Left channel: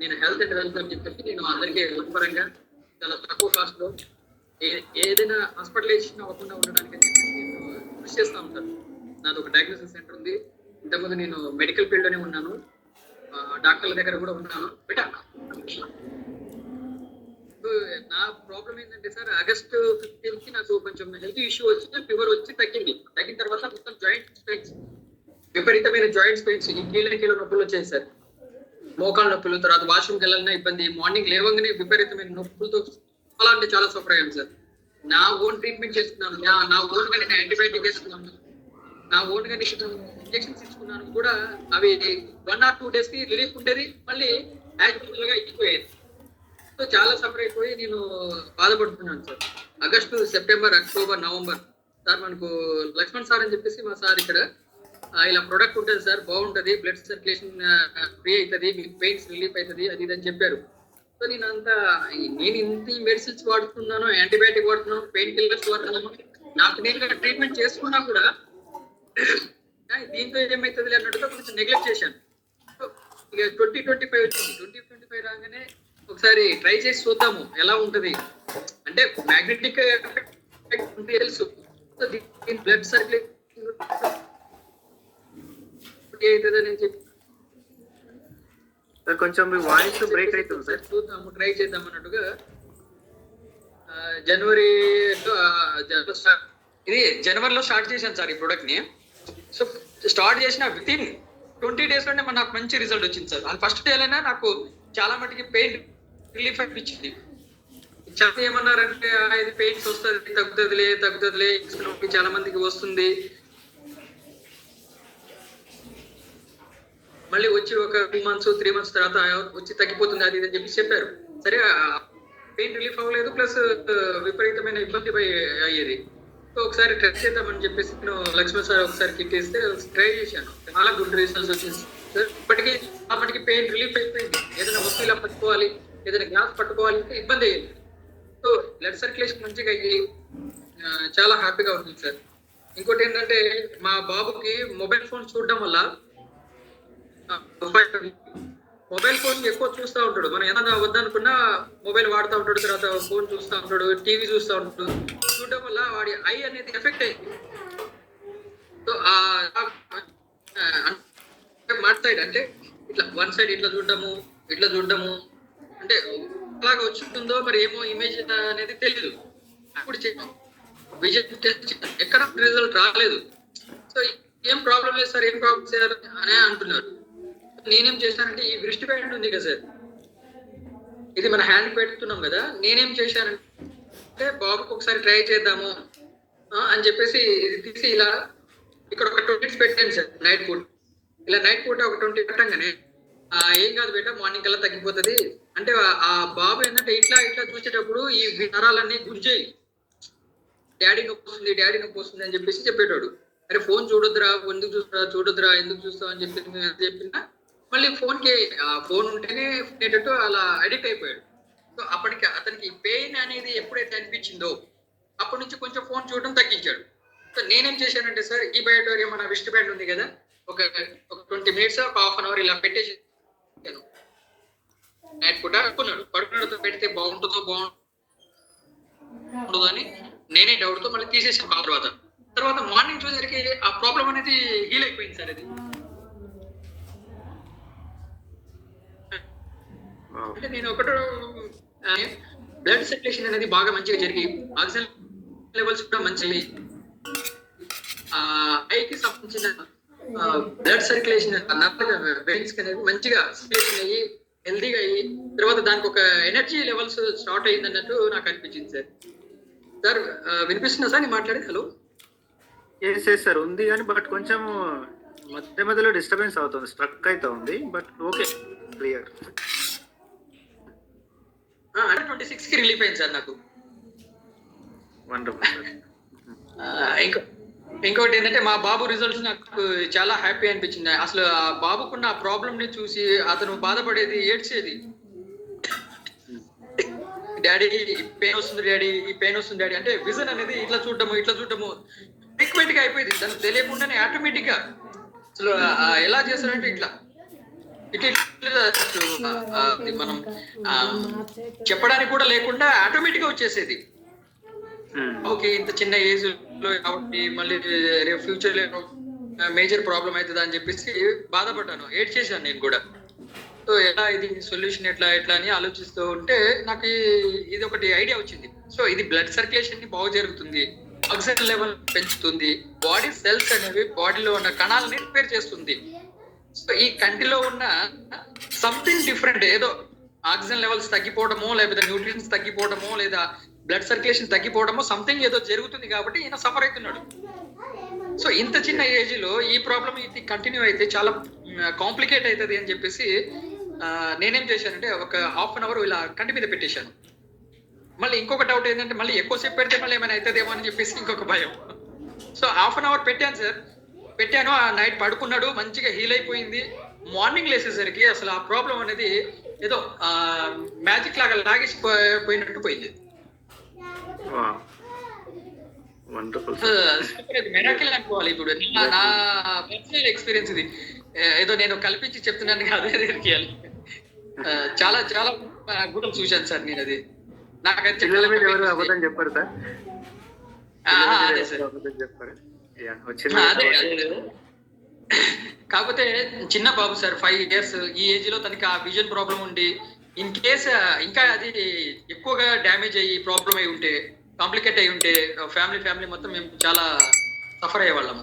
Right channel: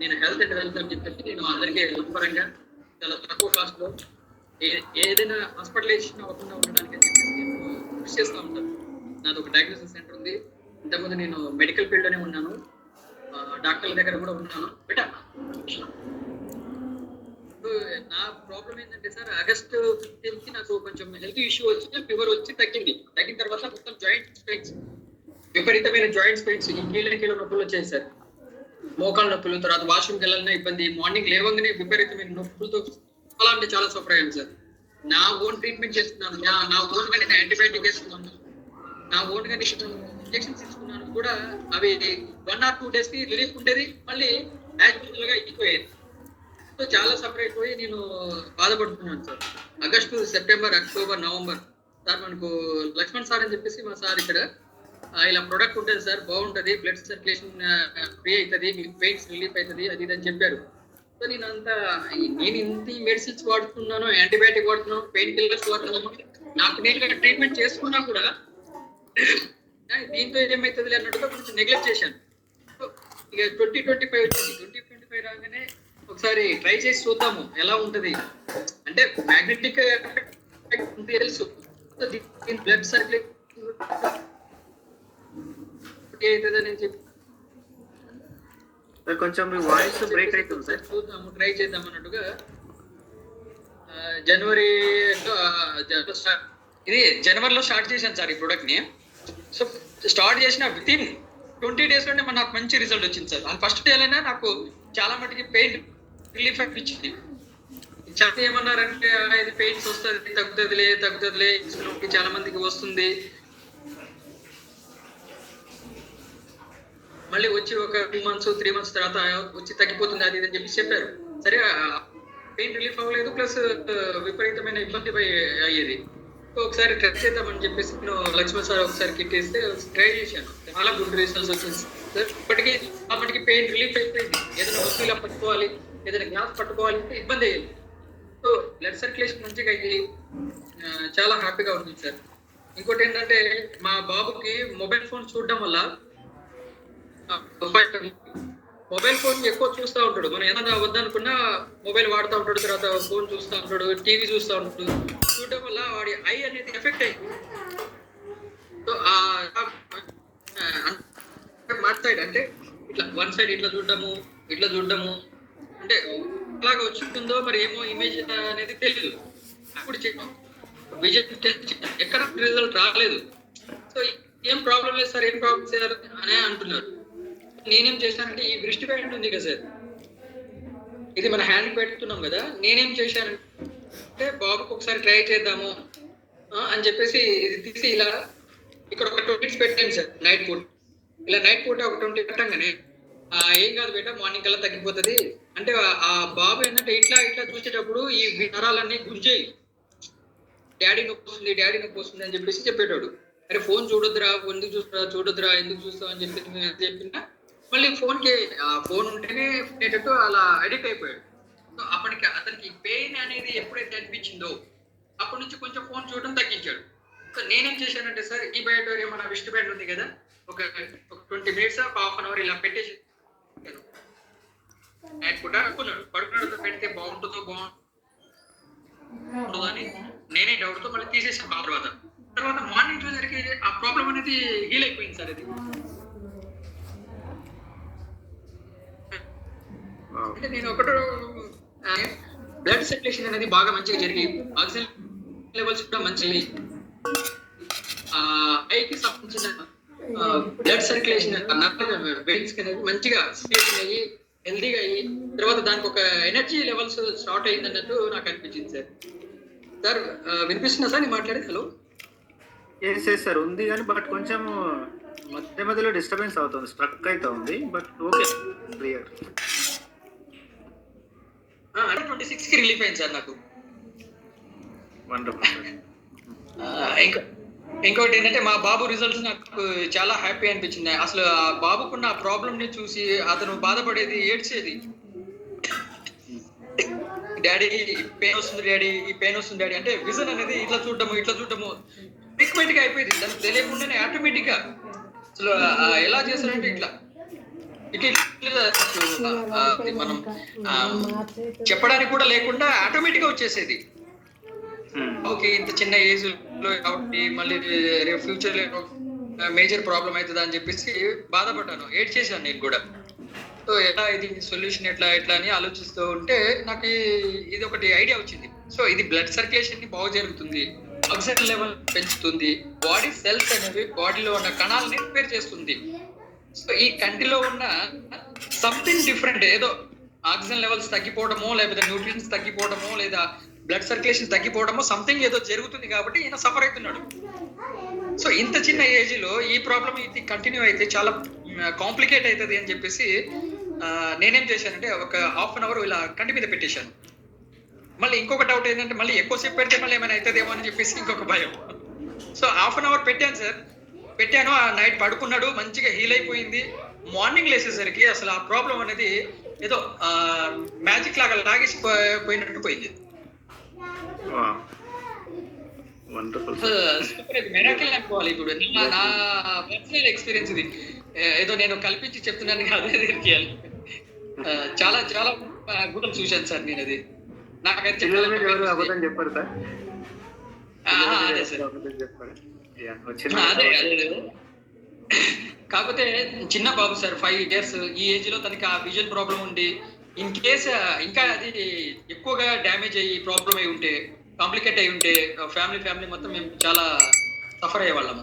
నేను health and wealth అని చెప్పేసి నేను అందరికీ పరంగా చాలా తక్కువ కాస్ట్ లో ఏదైనా హాస్పిటలైజేషన్ అవ్వకుండా ఉండడానికి అని చెప్పేసి కృషి చేస్తూ ఉంటాను. నాది ఒక డయాగ్నోసిస్ సెంటర్ ఉంది. ఇంతకుముందు నేను మెడికల్ ఫీల్డ్ లోనే ఉన్నాను, డాక్టర్ల దగ్గర కూడా ఉన్నాను. బెటా నా ప్రాబ్లం ఏంటంటే సార్, ఆగస్టు 15 కి నాకు కొంచెం హెల్త్ ఇష్యూ వచ్చి ఫీవర్ వచ్చి తగ్గిన తర్వాత మొత్తం జాయింట్ పెయిన్స్, విపరీతమైన జాయింట్స్ పెయిన్స్, ఈ కీళ్ళ నొప్పులు వచ్చాయి సార్. మోకాళ్ళ నొప్పులు, తర్వాత వాష్రూమ్కి వెళ్ళాలన్నా ఇబ్బంది, మార్నింగ్ లేవగానే విపరీతమైన నొప్పులతో చాలా అంటే చాలా సఫర్ అయ్యాను సార్. నా ఓన్ ట్రీట్మెంట్ చేస్తున్నాను, నా ఓన్ గా నేను యాంటీబయాటిక్ వేస్తున్నాను, నా ఓన్ గా ఇంజెక్షన్స్ ఇస్తున్నాను కూడా. అవి 1 or 2 days కి రిలీఫ్ ఉండేది, మళ్ళీ యాక్చువల్ గా అయిపోయేది. సో చాలా సఫర్ అయిపోయి నేను బాధపడుతున్నాను sir. August, September, October, November sir మనకు లక్ష్మణ్ సార్ అని చెప్పేసి మా సార్ ఇక్కడ ఇలా ప్రొడక్ట్ ఉంటుంది సార్, బాగుంటది, బ్లడ్ సర్క్యులేషన్ ఫ్రీ అవుతుంది, మీకు పెయిన్స్ రిలీఫ్ అవుతుంది, అది ఇది అని చెప్పారు. సో నేను ఇంత మెడిసిన్స్ వాడుతున్నాను, యాంటీబయాటిక్ వాడుతున్నాను, పెయిన్ కిల్లర్స్ వాడుతున్నాను, నాకు నేను ట్రీట్మెంట్ చేసుకున్నా కూడా దీంతో ఏమవుతుంది అన్నట్టుగా కొంచెం నెగ్లెక్ట్ చేశాను. ఇక 2025 వచ్చింది. 2025 రాగానే ఒకసారి ట్రై చేసి చూద్దాము ఎలా ఉంటది అంటే, మ్యాగ్నెటిక్ తెలుసు, బ్లడ్ సర్క్యులేషన్ అవుతుందని చెప్పి కొంచెం మీ వాయిస్ బ్రేక్ అవుతుంది సార్. చూద్దాము, ట్రై చేద్దాం అన్నట్టుగా జనవరిలో స్టార్ట్ చేశాను సార్ ఈ ప్రొడక్ట్ ని. సో స్టార్ట్ చేసిన వితిన్ 20 days లోనే నాకు మంచి రిజల్ట్ వచ్చింది సార్. అది ఫస్ట్ డేలోనే నాకు చాలా మటుకి పెయిన్ రిలీఫ్ అనిపించింది. చాలా ఏమన్నారంటే ఇది పెయిన్స్ వస్తుంది, తగ్గుతుందిలే చాలా మందికి వస్తుంది, మళ్ళీ వచ్చి ఒక 2 months 3 months తర్వాత వచ్చి తగ్గిపోతుంది, అది అని చెప్పి చెప్పారు. సరే పెయిన్ రిలీఫ్ అవ్వలేదు, ప్లస్ విపరీతమైన ఇబ్బంది అయ్యేది. సో ఒకసారి ట్రై చేద్దామని చెప్పేసి నేను లక్ష్మణ్ సార్ ఒకసారి కిట్ వేస్తే ట్రై చేశాను. చాలా గుడ్ రిజల్ట్స్ వచ్చింది. ఇప్పటికీ పెయిన్ రిలీఫ్ అయిపోయింది. ఏదైనా వస్తువులా పట్టుకోవాలి, ఏదైనా గ్లాస్ పట్టుకోవాలి అంటే ఇబ్బంది అయ్యింది. సో బ్లడ్ సర్క్యులేషన్ మంచిగా అయ్యి చాలా హ్యాపీగా ఉంది సార్. ఇంకోటి ఏంటంటే, మా బాబుకి మొబైల్ ఫోన్ చూడడం వల్ల మొబైల్ ఫోన్ ఎక్కువ చూస్తూ ఉంటాడు. మనం ఏదైనా వద్దనుకున్నా మొబైల్ వాడుతూ ఉంటాడు, తర్వాత ఫోన్ చూస్తూ ఉంటాడు, టీవీ చూస్తూ ఉంటాడు. చూడడం వల్ల వాడి ఐ అనేది ఎఫెక్ట్ అయింది. సో మార్ట్ సైడ్ అంటే ఇట్లా వన్ సైడ్ ఇట్లా చూడడము అంటే అలాగా వచ్చిందో మరి ఏమో ఇమేజ్ అనేది తెలియదు. ఇప్పుడు విజన్ టెస్ట్ ఎక్కడ రిజల్ట్ రాలేదు. సో ఏం ప్రాబ్లం లేదు సార్, ఏం ప్రాబ్లం సార్ అనే అంటున్నారు. నేనేం చేశానంటే, ఈ వృష్టి బ్యాండ్ ఉంది కదా సార్, ఇది మన హ్యాండ్ పెడుతున్నాం కదా, నేనేం చేశానంటే బాబుకి ఒకసారి ట్రై చేద్దాము అని చెప్పేసి ఇది తీసి ఇలా ఇక్కడ ఒక 20 minutes పెట్టాను సార్. నైట్ పూట ఇలా నైట్ పూట ఒక 20 పెట్టంగానే ఏం కాదు బేట, మార్నింగ్ కల్లా తగ్గిపోతుంది అంటే, ఆ బాబు ఏంటంటే ఇట్లా చూసేటప్పుడు ఈ నరాలన్నీ గుంజేయి, డాడీ నొప్పి వస్తుంది అని చెప్పేసి చెప్పేటోడు. అరే ఫోన్ చూడొద్దురా, ఎందుకు చూస్తావు అని చెప్పినా మళ్ళీ ఫోన్ ఉంటేనే ఉండేటట్టు అలా అడిక్ట్ అయిపోయాడు. సో అప్పటికి అతనికి పెయిన్ అనేది ఎప్పుడైతే అనిపించిందో అప్పటి నుంచి కొంచెం ఫోన్ చూడడం తగ్గించాడు. సో నేనేం చేశానంటే సార్, ఈ బయోటోరియా మన విస్ట్ బ్యాండ్ ఉంది కదా, ఒక 20 minutes ½ an hour ఇలా పెట్టేసి నైట్ పూట పడుకున్నాడుతో పెడితే బాగుంటుందో అని నేనే డౌట్తో మళ్ళీ తీసేసాను. తర్వాత మార్నింగ్ చూసేసరికి ఆ ప్రాబ్లం అనేది హీల్ అయిపోయింది సార్. అది అంటే నేను బ్లడ్ సర్క్యులేషన్ అనేది బాగా మంచిగా జరిగి, ఆక్సిజన్ లెవెల్స్ కూడా మంచి, ఐకి సంబంధించిన బ్లడ్ సర్క్యులేషన్ వెయిన్స్ అనేది మంచిగా సర్క్యులేషన్ అయ్యి హెల్దీగా అయ్యి, తర్వాత దానికి ఒక ఎనర్జీ లెవెల్స్ స్టార్ట్ అయ్యింది అన్నట్టు నాకు అనిపించింది సార్. సార్ వినిపిస్తుందా సార్ నేను మాట్లాడేది? హలో సార్ ఉంది కానీ బట్ కొంచెం మధ్యలో డిస్టర్బెన్స్ అవుతుంది, స్ట్రక్ అయితే ఉంది, బట్ ఓకే క్లియర్. అంటే 26 కి రిలీఫ్ అయింది సార్ నాకు. ఇంకోటి ఏంటంటే, మా బాబు రిజల్ట్స్ నాకు చాలా హ్యాపీ అనిపించింది. అసలు ఆ బాబుకున్న ఆ ప్రాబ్లమ్ ని చూసి అతను బాధపడేది, ఏడ్చేది, డాడీ ఈ పెయిన్ వస్తుంది డాడీ అంటే, విజన్ అనేది ఇట్లా చూడటము ఫ్రీక్వెంట్ గా అయిపోయింది. దానికి తెలియకుండానే ఆటోమేటిక్ గా అసలు ఎలా చేస్తారంటే ఇట్లా ఇట్ అసలు అది మనం ఆ, చెప్పడానికి కూడా లేకుండా ఆటోమేటిక్ గా వచ్చేసేది. ఓకే, ఇంత చిన్న ఏజ్ లో కాబట్టి మళ్ళీ రేపు ఫ్యూచర్ లో మేజర్ ప్రాబ్లం అవుతుంది అని చెప్పేసి బాధపడ్డాను, ఏడ్ చేశాను నేను కూడా. సో ఎలా ఇది సొల్యూషన్ ఎట్లా ఎట్లా అని ఆలోచిస్తూ ఉంటే నాకు ఇది ఒకటి ఐడియా వచ్చింది. సో ఇది బ్లడ్ సర్క్యులేషన్ ని బాగు జరుగుతుంది, ఆక్సిజన్ లెవెల్ పెంచుతుంది, బాడీ సెల్స్ అనేవి బాడీలో ఉన్న కణాలని రిపేర్ చేస్తుంది. సో ఈ కంటిలో ఉన్న సంథింగ్ డిఫరెంట్, ఏదో ఆక్సిజన్ లెవెల్స్ తగ్గిపోవడమో లేకపోతే న్యూట్రియన్స్ తగ్గిపోవడమో లేదా బ్లడ్ సర్క్యులేషన్ తగ్గిపోవడమో సంథింగ్ ఏదో జరుగుతుంది కాబట్టి ఈయన సఫర్ అవుతున్నాడు. సో ఇంత చిన్న ఏజ్ లో ఈ ప్రాబ్లం ఇది కంటిన్యూ అయితే చాలా కాంప్లికేట్ అవుతుంది అని చెప్పేసి నేనేం చేశానంటే ఒక హాఫ్ అన్ అవర్ ఇలా కంటి మీద పెట్టేశాను. మళ్ళీ ఇంకొక డౌట్ ఏంటంటే మళ్ళీ ఎక్కువసేపు పెడితే మళ్ళీ ఏమైనా అవుతుందేమో అని చెప్పేసి ఇంకొక భయం. సో హాఫ్ అన్ అవర్ పెట్టాను సార్, పెట్టాను. ఆ నైట్ పడుకున్నాడు, మంచిగా హీల్ అయిపోయింది. మార్నింగ్ లేసేసరికి అసలు ఆ ప్రాబ్లం అనేది ఏదో మ్యాజిక్ లాగా లాగేసి పోయినట్టు పోయింది. మెరాకిల్ అనుకోవాలి. ఇప్పుడు నా పర్సనల్ ఎక్స్పీరియన్స్ ఇది, ఏదో నేను కల్పించి చెప్తున్నాను కాదు, చాలా చాలా అద్భుతం చూశాను సార్ నేను. అది నాకైతే చెప్పారు సార్. అదే సార్, అదే అదే. కాకపోతే చిన్న బాబు సార్, 5 years. ఈ ఏజ్ లో తనకి ఆ విజన్ ప్రాబ్లం ఉండి ఇన్ కేస్ ఇంకా అది ఎక్కువగా డ్యామేజ్ అయ్యి ప్రాబ్లం అయి ఉంటే, కాంప్లికేట్ అయి ఉంటే ఫ్యామిలీ మొత్తం మేము చాలా సఫర్ అయ్యేవాళ్ళము.